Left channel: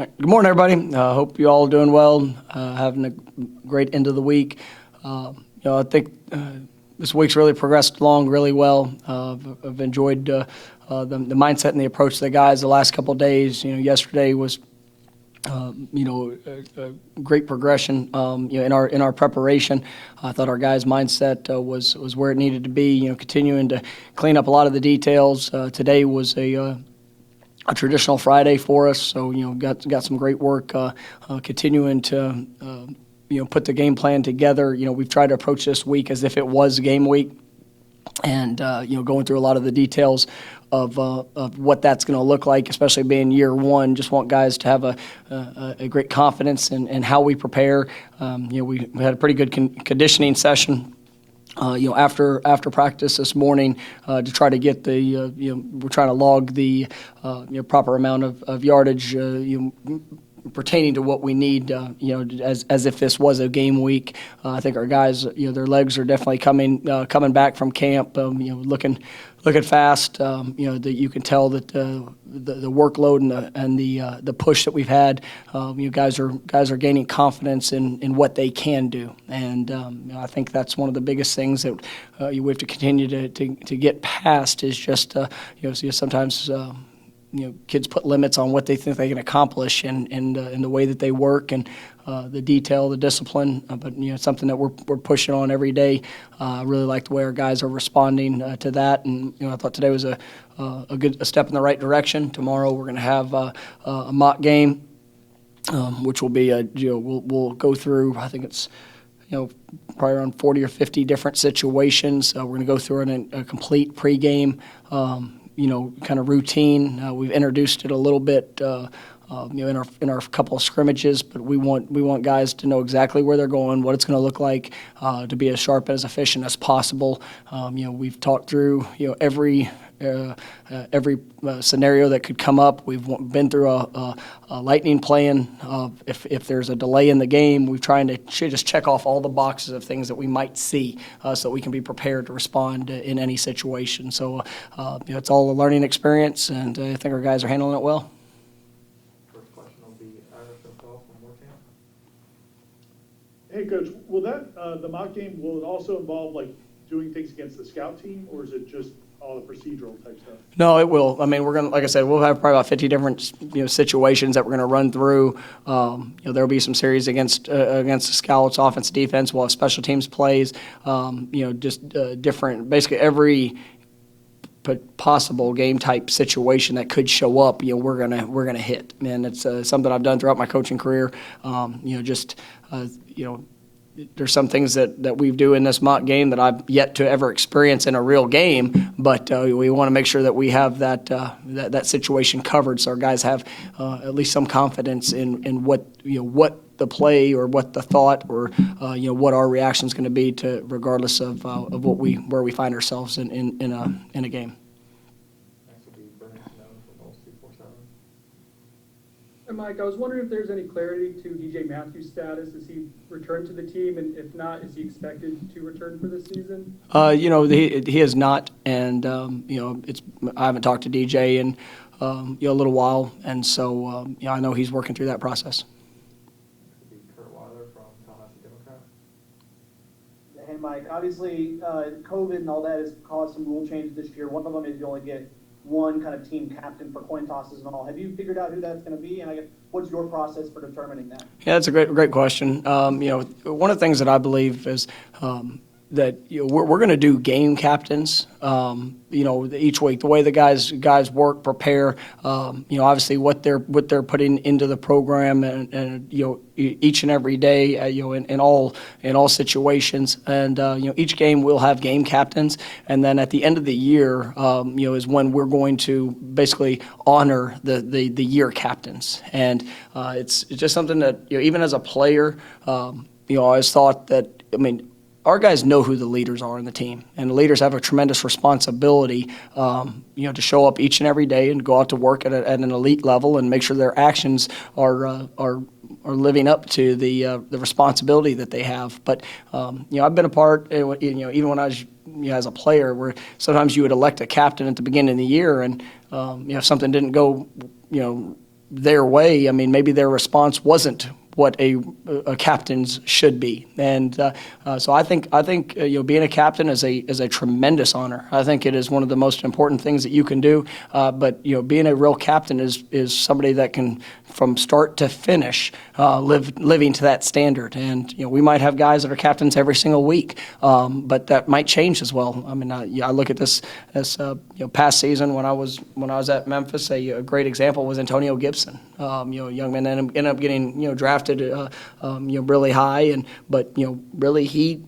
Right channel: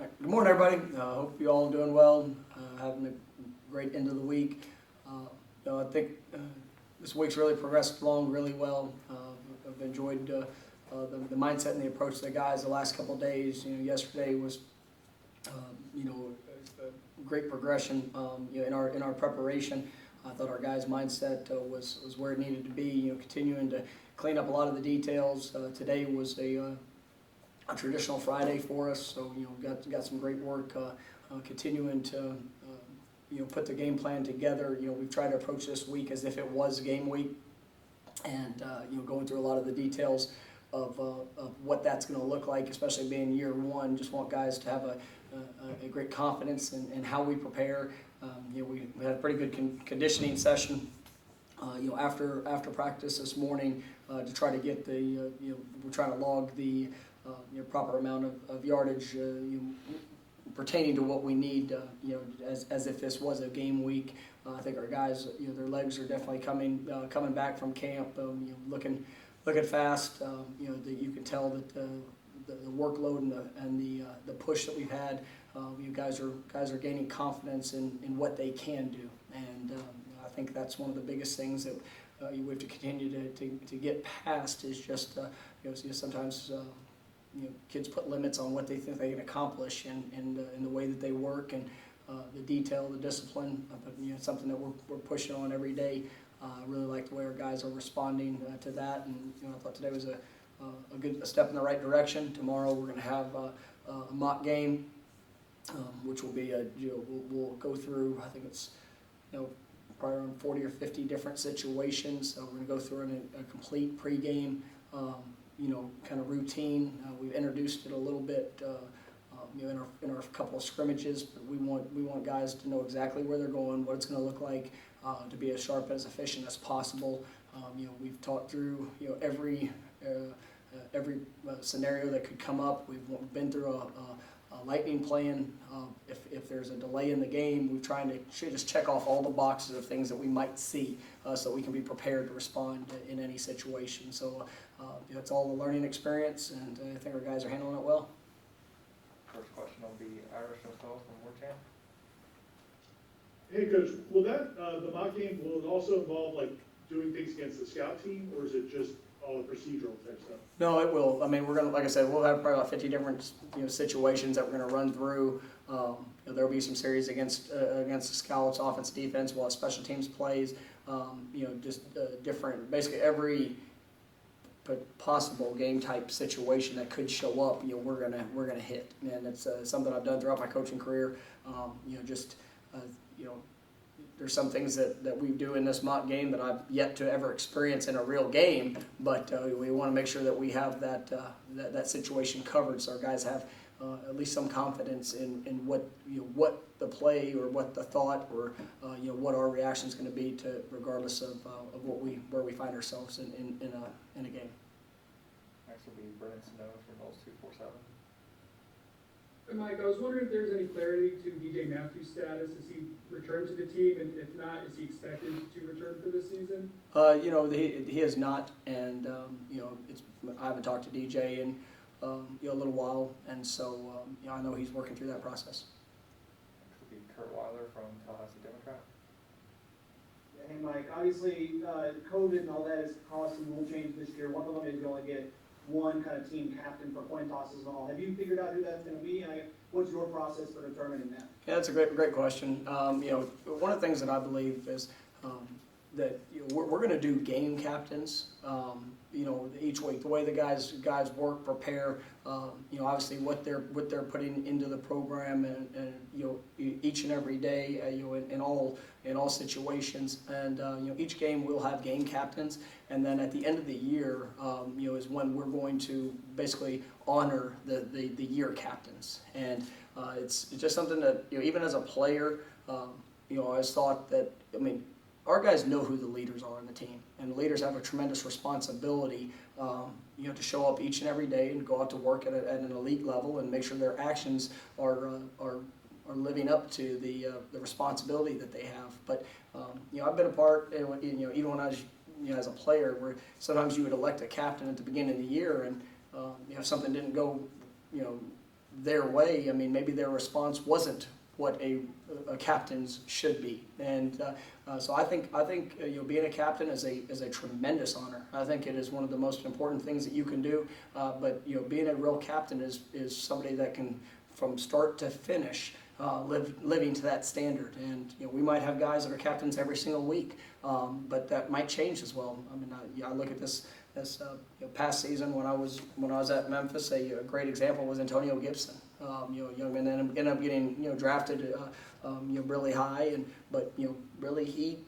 Good morning, everybody. Hope you all doing well, having a great end of the week. I think this week's really progressed along really well. I've enjoyed the mindset and the approach of the guys the last couple of days. Yesterday was a great progression. In our preparation, I thought our guys' mindset was where it needed to be. Continuing to clean up a lot of the details. Today was a traditional Friday for us, so got some great work continuing to put the game plan together. We've tried to approach this week as if it was game week, and going through a lot of the details of what that's going to look like, especially being year one. Just want guys to have a great confidence in how we prepare. We had a pretty good conditioning session after practice this morning to try to get we're trying to log the proper amount of yardage pertaining to what we need, as if this was a game week. I think our guys, their legs are definitely coming back from camp, looking fast. That you can tell that the workload and the push that we've had, guys are gaining confidence in what they can do, and I think that's one of the biggest things that we have to continue to get past is just sometimes. Kids put limits on what they think they can accomplish in the way that they work and the detail, the discipline. But it's something that we're pushing on every day. I really like the way our guys are responding to that, and I thought today was a good step in the right direction. Tomorrow we're going to have a mock game, which will be we'll go through. I think it's probably around 40 or 50 different situations. We're going to go through a complete pregame. Kind of routine. We've introduced it a little bit, in our couple of scrimmages, but we want guys to know exactly where they're going, what it's going to look like, to be as sharp and as efficient as possible. We've talked through every scenario that could come up. We've been through a lightning plan. If there's a delay in the game, we're trying to just check off all the boxes of things that we might see, so that we can be prepared to respond in any situation. So it's all a learning experience, and I think our guys are handling it well. First question will be Irish Norvell from Moortown. Hey, Coach, will the mock game, will it also involve doing things against the scout team, or is it just all the procedural type stuff? No, it will. I mean, we're gonna, like I said, we'll have probably about 50 different situations that we're gonna run through. There'll be some series against the scouts, offense, defense. We'll have special teams plays. Different, basically every possible game type situation that could show up. We're gonna hit, and it's something I've done throughout my coaching career. There's some things that we do in this mock game that I've yet to ever experience in a real game, but we want to make sure that we have that situation covered, so our guys have at least some confidence in what the play or what the thought or what our reaction is going to be to, regardless of where we find ourselves in a game. Next will be Seminoles from 247. And Mike, I was wondering if there's any clarity to DJ Matthews' status. Has he returned to the team, and if not, is he expected to return for this season? He has not, and I haven't talked to DJ in a little while, and so I know he's working through that process. Next will be Kurt Weiler from Tallahassee Democrat. Hey, Mike, obviously COVID and all that has caused some rule changes this year. One of them is you only get one kind of team captain for coin tosses and all. Have you figured out who that's going to be? And I guess, what's your process for determining that? Yeah, that's a great question. One of the things that I believe is that we're going to do game captains. Each week, the way the guys work, prepare. Obviously what they're putting into the program, and each and every day, in all situations. And each game we'll have game captains, and then at the end of the year, is when we're going to basically honor the year captains. And it's just something that even as a player, I always thought that our guys know who the leaders are in the team, and the leaders have a tremendous responsibility, to show up each and every day and go out to work at an elite level and make sure their actions are living up to the responsibility that they have. But I've been a part, even when I was as a player, where sometimes you would elect a captain at the beginning of the year, and if something didn't go their way, I mean, maybe their response wasn't what a captain's should be, and so I think being a captain is a tremendous honor. I think it is one of the most important things that you can do. But being a real captain is somebody that can, from start to finish, living to that standard. And we might have guys that are captains every single week, but that might change as well. I mean, I look at this as past season when I was at Memphis. A great example was Antonio Gibson. A young man ended up getting drafted really high, but really he.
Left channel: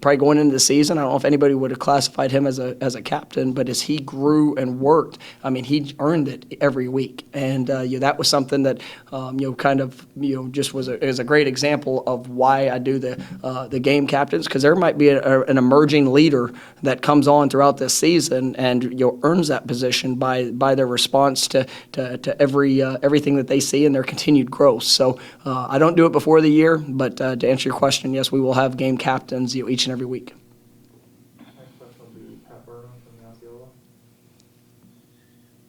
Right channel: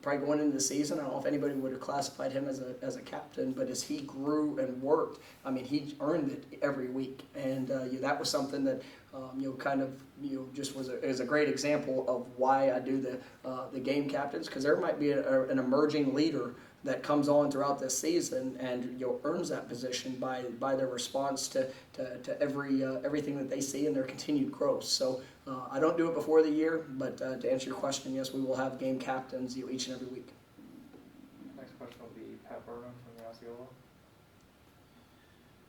Probably going into the season, I don't know if anybody would have classified him as a captain, but as he grew and worked, I mean, he earned it every week, and that was something that just is a great example of why I do the game captains, because there might be an emerging leader that comes on throughout this season and earns that position by their response to everything that they see and their continued growth. So I don't do it before the year, but to answer your question, yes, we will have game captains each and every week. Next question will be Pat Burnham from the Osceola.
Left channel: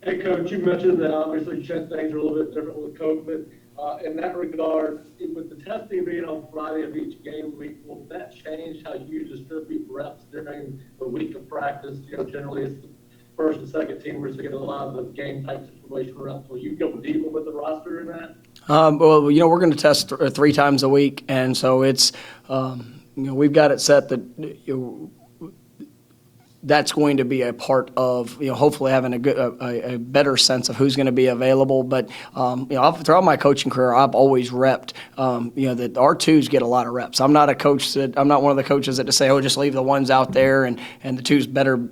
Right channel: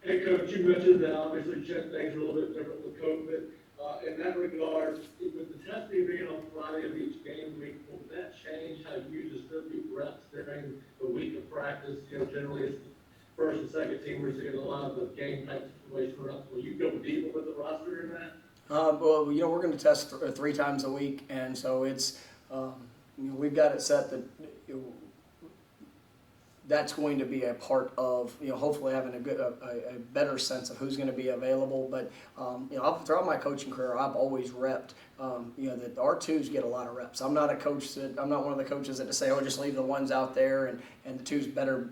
Hey, Coach, you mentioned that obviously things are a little bit different with COVID. In that regard, with the testing being on Friday of each game week, will that change how you distribute reps during the week of practice? Generally it's the first and second teamers that get a lot of the game type situation reps. Will you go deeper with the roster in that? Well, we're going to test 3 times a week, and so it's we've got it set that that's going to be a part of hopefully having a better sense of who's going to be available. But throughout my coaching career, I've always repped that our twos get a lot of reps. I'm not one of the coaches that just say, just leave the ones out there and the twos better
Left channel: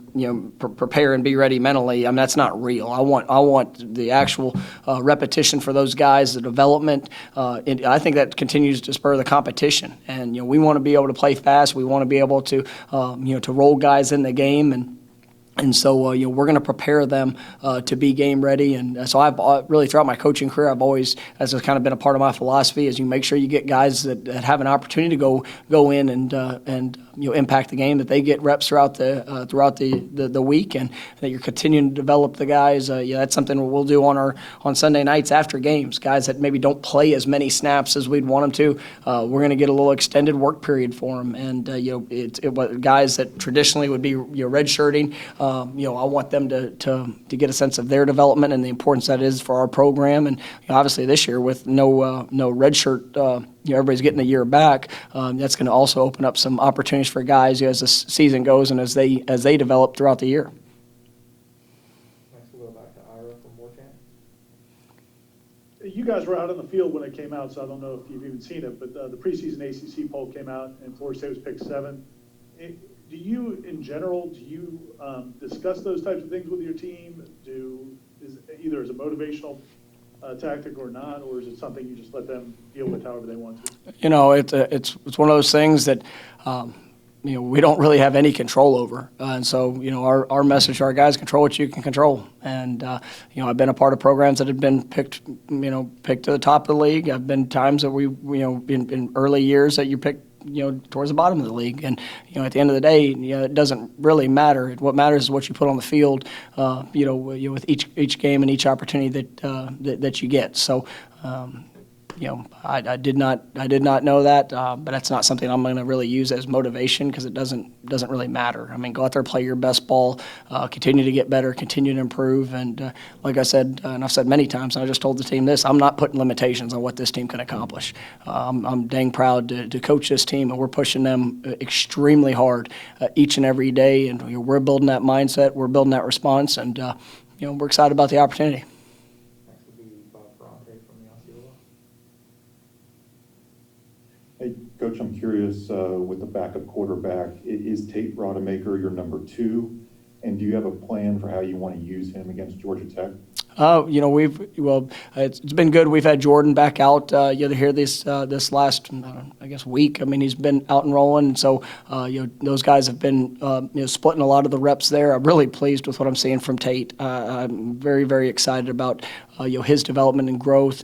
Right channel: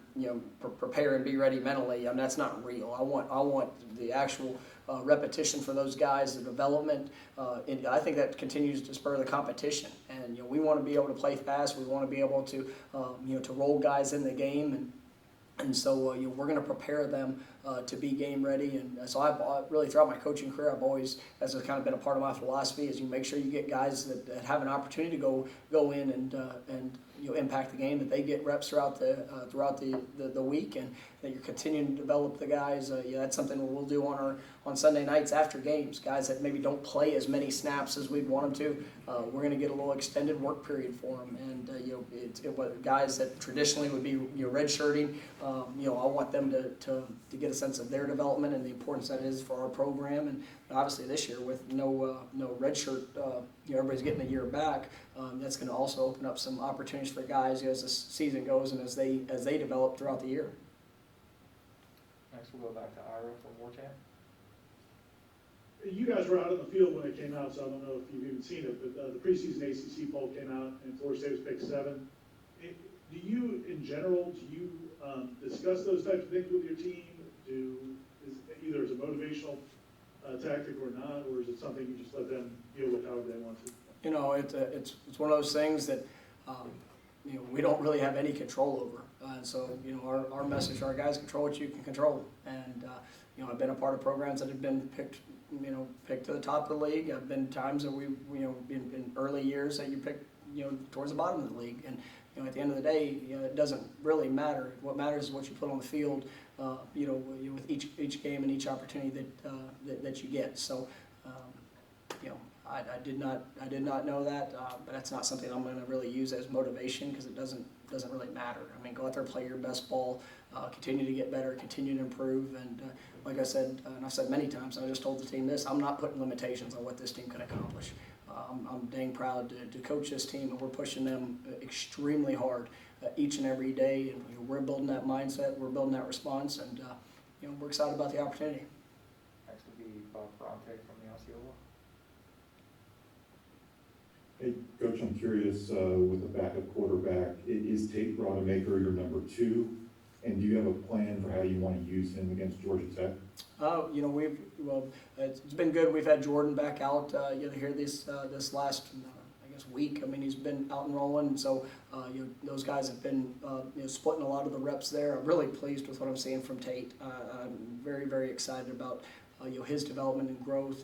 prepare and be ready mentally. I mean, that's not real. I want the actual repetition for those guys, the development. And I think that continues to spur the competition. And we want to be able to play fast. We want to be able to to roll guys in the game. And so we're going to prepare them to be game ready. And so I've really, throughout my coaching career, I've always, as has kind of been a part of my philosophy, is you make sure you get guys that have an opportunity to go in and impact the game, that they get reps throughout the week, and that you're continuing to develop the guys. That's something we'll do on Sunday nights after games. Guys that maybe don't play as many snaps as we'd want them to, we're going to get a little extended work period for them. And guys that traditionally would be redshirting, I want them to get a sense of their development and the importance that is for our program. And obviously this year with no redshirt, everybody's getting a year back. That's going to also open up some opportunities for guys as the season goes and as they develop throughout the year. Next we'll go back to Ira from Warchant. You guys were out on the field when it came out, so I don't know if you've even seen it, but the preseason ACC poll came out and Florida State was picked 7. Do you, in general, discuss those types of things with your team? Either as a motivational tactic or not, or is it something you just let them deal with however they want to? It's one of those things that we don't really have any control over, and so our message to our guys: control what you can control. And I've been a part of programs that have been picked to the top of the league. I've been times that we in early years that you picked towards the bottom of the league. And, at the end of the day, it doesn't really matter. What matters is what you put on the field, with each game and each opportunity that you get. So, I did not know that, but that's not something I'm going to really use as motivation, because it doesn't really matter. I mean, go out there, play your best ball, continue to get better, continue to improve, and like I said, and I've said many times, and I just told the team this: I'm not putting limitations on what this team can accomplish. I'm dang proud to coach this team, and we're pushing them extremely hard each and every day, and we're building that mindset, we're building that response, and we're excited about the opportunity. Next will be Bob Ferrante from the Osceola. Hey, Coach, I'm curious, with the backup quarterback, is Tate Rodemaker your number 2? And do you have a plan for how you want to use him against Georgia Tech? It's been good. We've had Jordan back out here this last week. I mean, he's been out and rolling, and so those guys have been splitting a lot of the reps there. I'm really pleased with what I'm seeing from Tate. I'm very, very excited about his development and growth.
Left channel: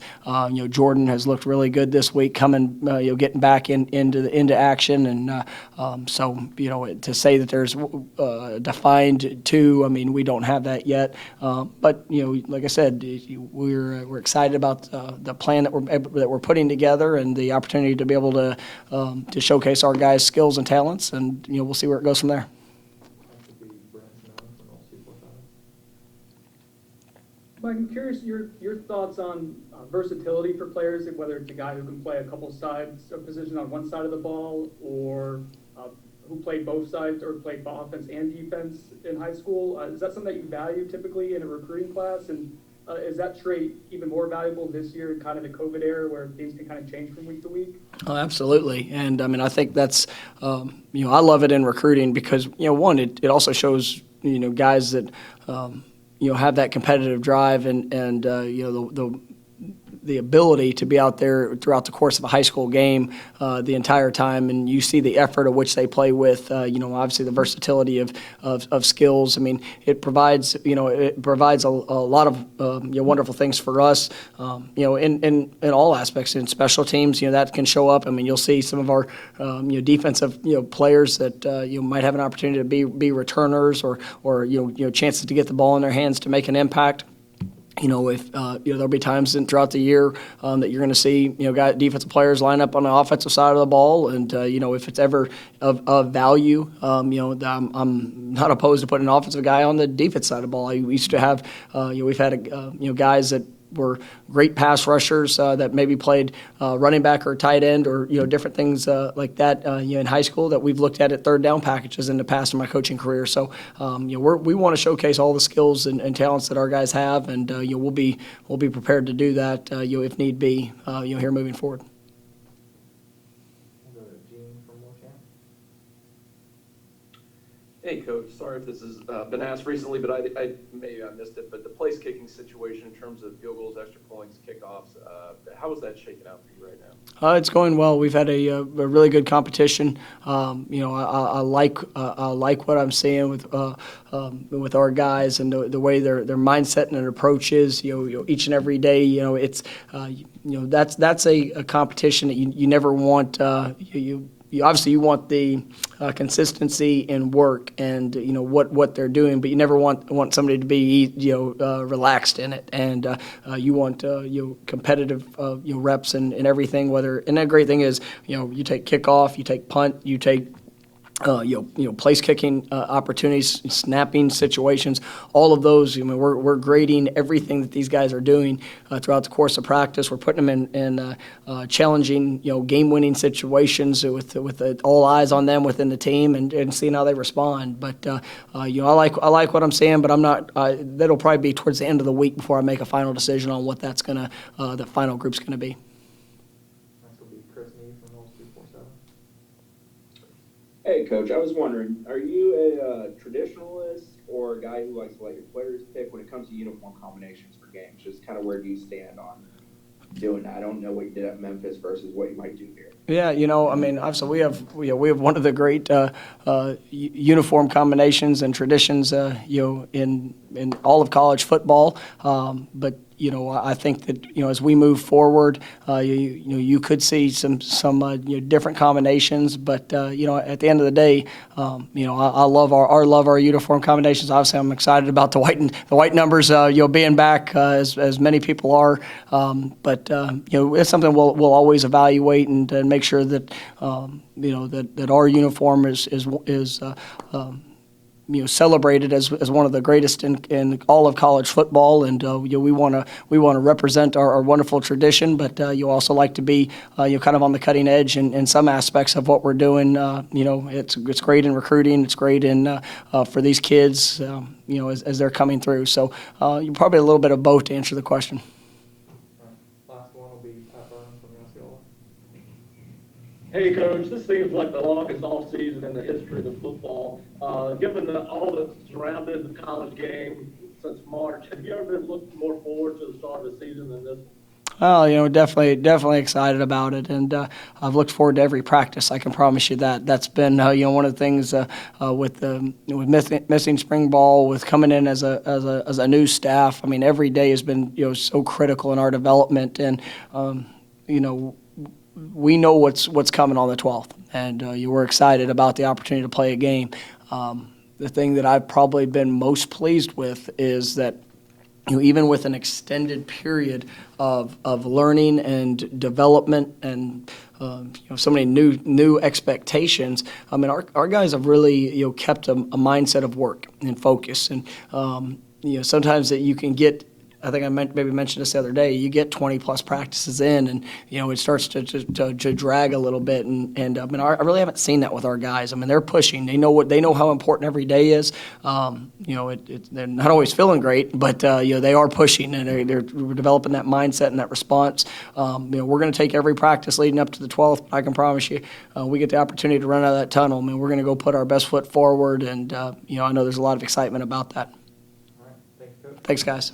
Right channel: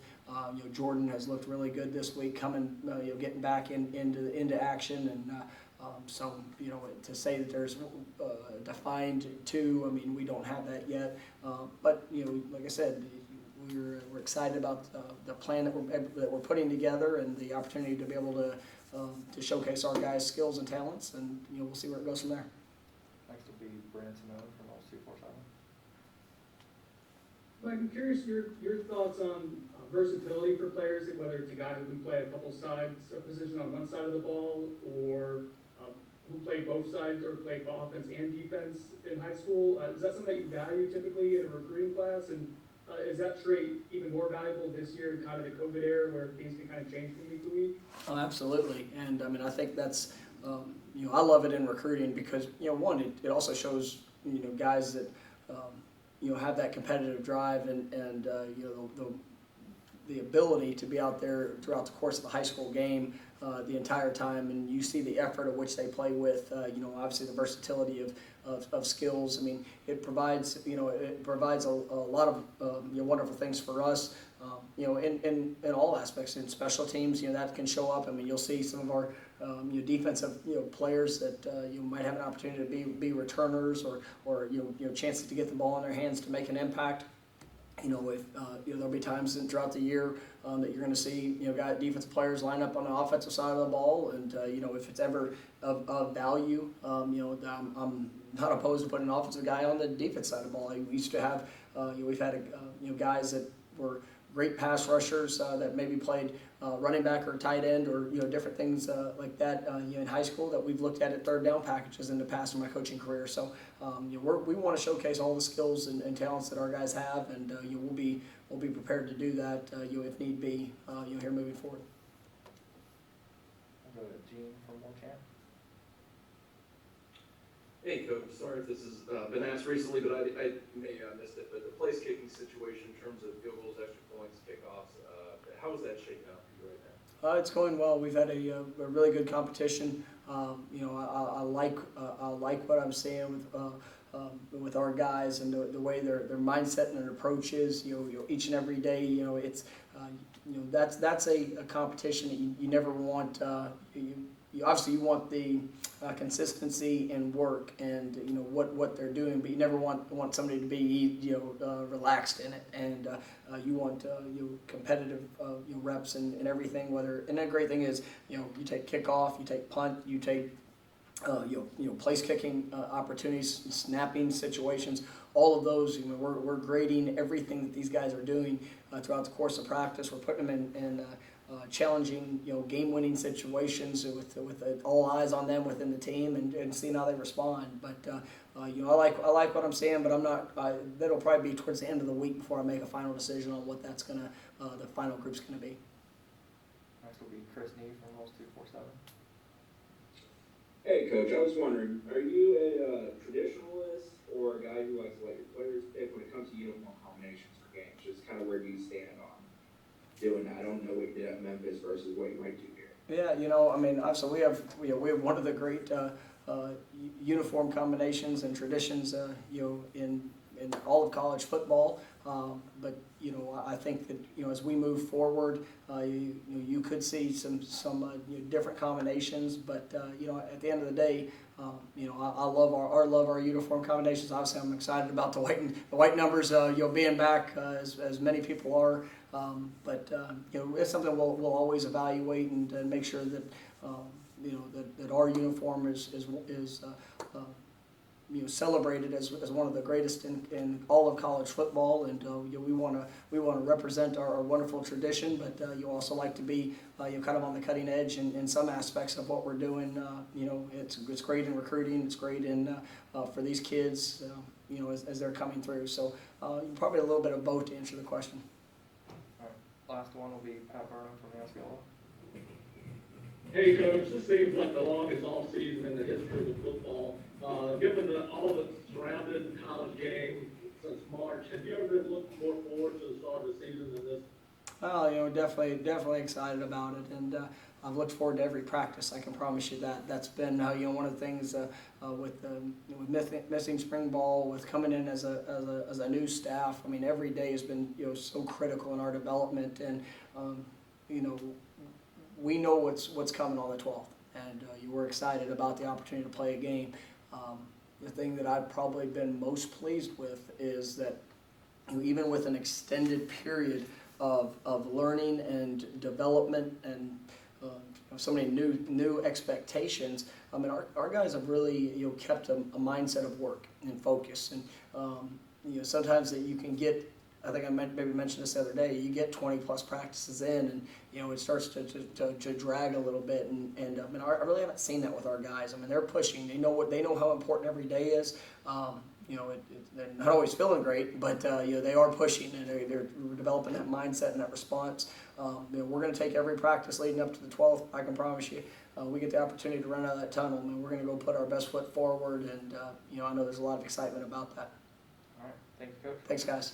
Jordan has looked really good this week, coming, getting back into action, and so to say that there's defined two, I mean, we don't have that yet, but like I said, we're excited about the plan that we're putting together and the opportunity to be able to showcase our guys' skills and talents, and we'll see where it goes from there. Next will be Seminoles from North 247. Mike, I'm curious your thoughts on versatility for players, whether it's a guy who can play a couple sides of position on one side of the ball, or who played both sides or played offense and defense in high school. Is that something that you value typically in a recruiting class? And is that trait even more valuable this year in kind of the COVID era where things can kind of change from week to week? Oh, absolutely. And I mean, I think that's, I love it in recruiting because, one, it also shows, guys that, have that competitive drive and the ability to be out there throughout the course of a high school game the entire time, and you see the effort of which they play with, obviously the versatility of skills. I mean, it provides a lot of wonderful things for us, in all aspects. In special teams, that can show up. I mean, you'll see some of our defensive players that might have an opportunity to be returners or chances to get the ball in their hands to make an impact. If there'll be times throughout the year that you're going to see defensive players line up on the offensive side of the ball, and if it's ever of value, I'm not opposed to putting an offensive guy on the defense side of the ball. We used to have we've had guys that were great pass rushers that maybe played running back or tight end or different things like that in high school that we've looked at third down packages in the past in my coaching career. So we want to showcase all the skills and talents that our guys have, and we'll be prepared to do that if need be here moving forward. We'll go to Gene from Montana. Hey, Coach. Sorry if this has been asked recently, but I maybe I missed it. But the place kicking situation in terms of field goals, extra points, kickoffs, how is that shaking out for you right now? It's going well. We've had a really good competition. I like what I'm seeing with our guys and the way their mindset and their approach is. Each and every day. It's that's a competition that you never want. You obviously want the consistency in work and what they're doing, but you never want somebody to be relaxed in it, and you want competitive reps and everything. And the great thing is you take kickoff, you take punt, you take place kicking opportunities, snapping situations, all of those. We're grading everything that these guys are doing throughout the course of practice. We're putting them in challenging, game-winning situations with all eyes on them within the team and seeing how they respond. But I like what I'm seeing, but I'm not. That'll probably be towards the end of the week before I make a final decision on what that's the final group's gonna be. Next will be Chris Need from North 247. Hey, Coach, I was wondering, are you a traditionalist or a guy who likes to let your players pick when it comes to uniform combinations for games? Just kind of where do you stand on doing that? I don't know what you did at Memphis versus what you might do here. Yeah, I mean, obviously we have one of the great uniform combinations and traditions, in all of college football. But I think that as we move forward, you could see some different combinations. But at the end of the day, I love our uniform combinations. Obviously, I'm excited about the white numbers, being back as many people are. But it's something we'll always evaluate and make sure that that our uniform is celebrated as one of the greatest in all of college football, and we want to represent our wonderful tradition, but you also like to be kind of on the cutting edge in some aspects of what we're doing. It's great in recruiting, it's great in for these kids, as they're coming through. So you're probably a little bit of both to answer the question. All right. Last one will be Pat Burnham from Osceola. Hey, Coach, this seems like the longest offseason in the history of football. Given all that's surrounded the college game since March, have you ever been looking more forward to the start of the season than this? Well, definitely excited about it, and I've looked forward to every practice. I can promise you that. That's been, one of the things with missing spring ball, with coming in as a new staff. I mean, every day has been, so critical in our development, and we know what's coming on the 12th, and we're excited about the opportunity to play a game. The thing that I've probably been most pleased with is that even with an extended period of learning and development and so many new expectations, I mean, our guys have really kept a mindset of work and focus, and sometimes that you can get. I think I maybe mentioned this the other day. You get 20 plus practices in, and it starts to drag a little bit. And I mean, I really haven't seen that with our guys. I mean, they're pushing. They know how important every day is. They're not always feeling great, but they are pushing, and they're developing that mindset and that response. We're going to take every practice leading up to the 12th. I can promise you, we get the opportunity to run out of that tunnel. I mean, we're going to go put our best foot forward, and I know there's a lot of excitement about that. All right, thanks, Coach. Thanks, guys.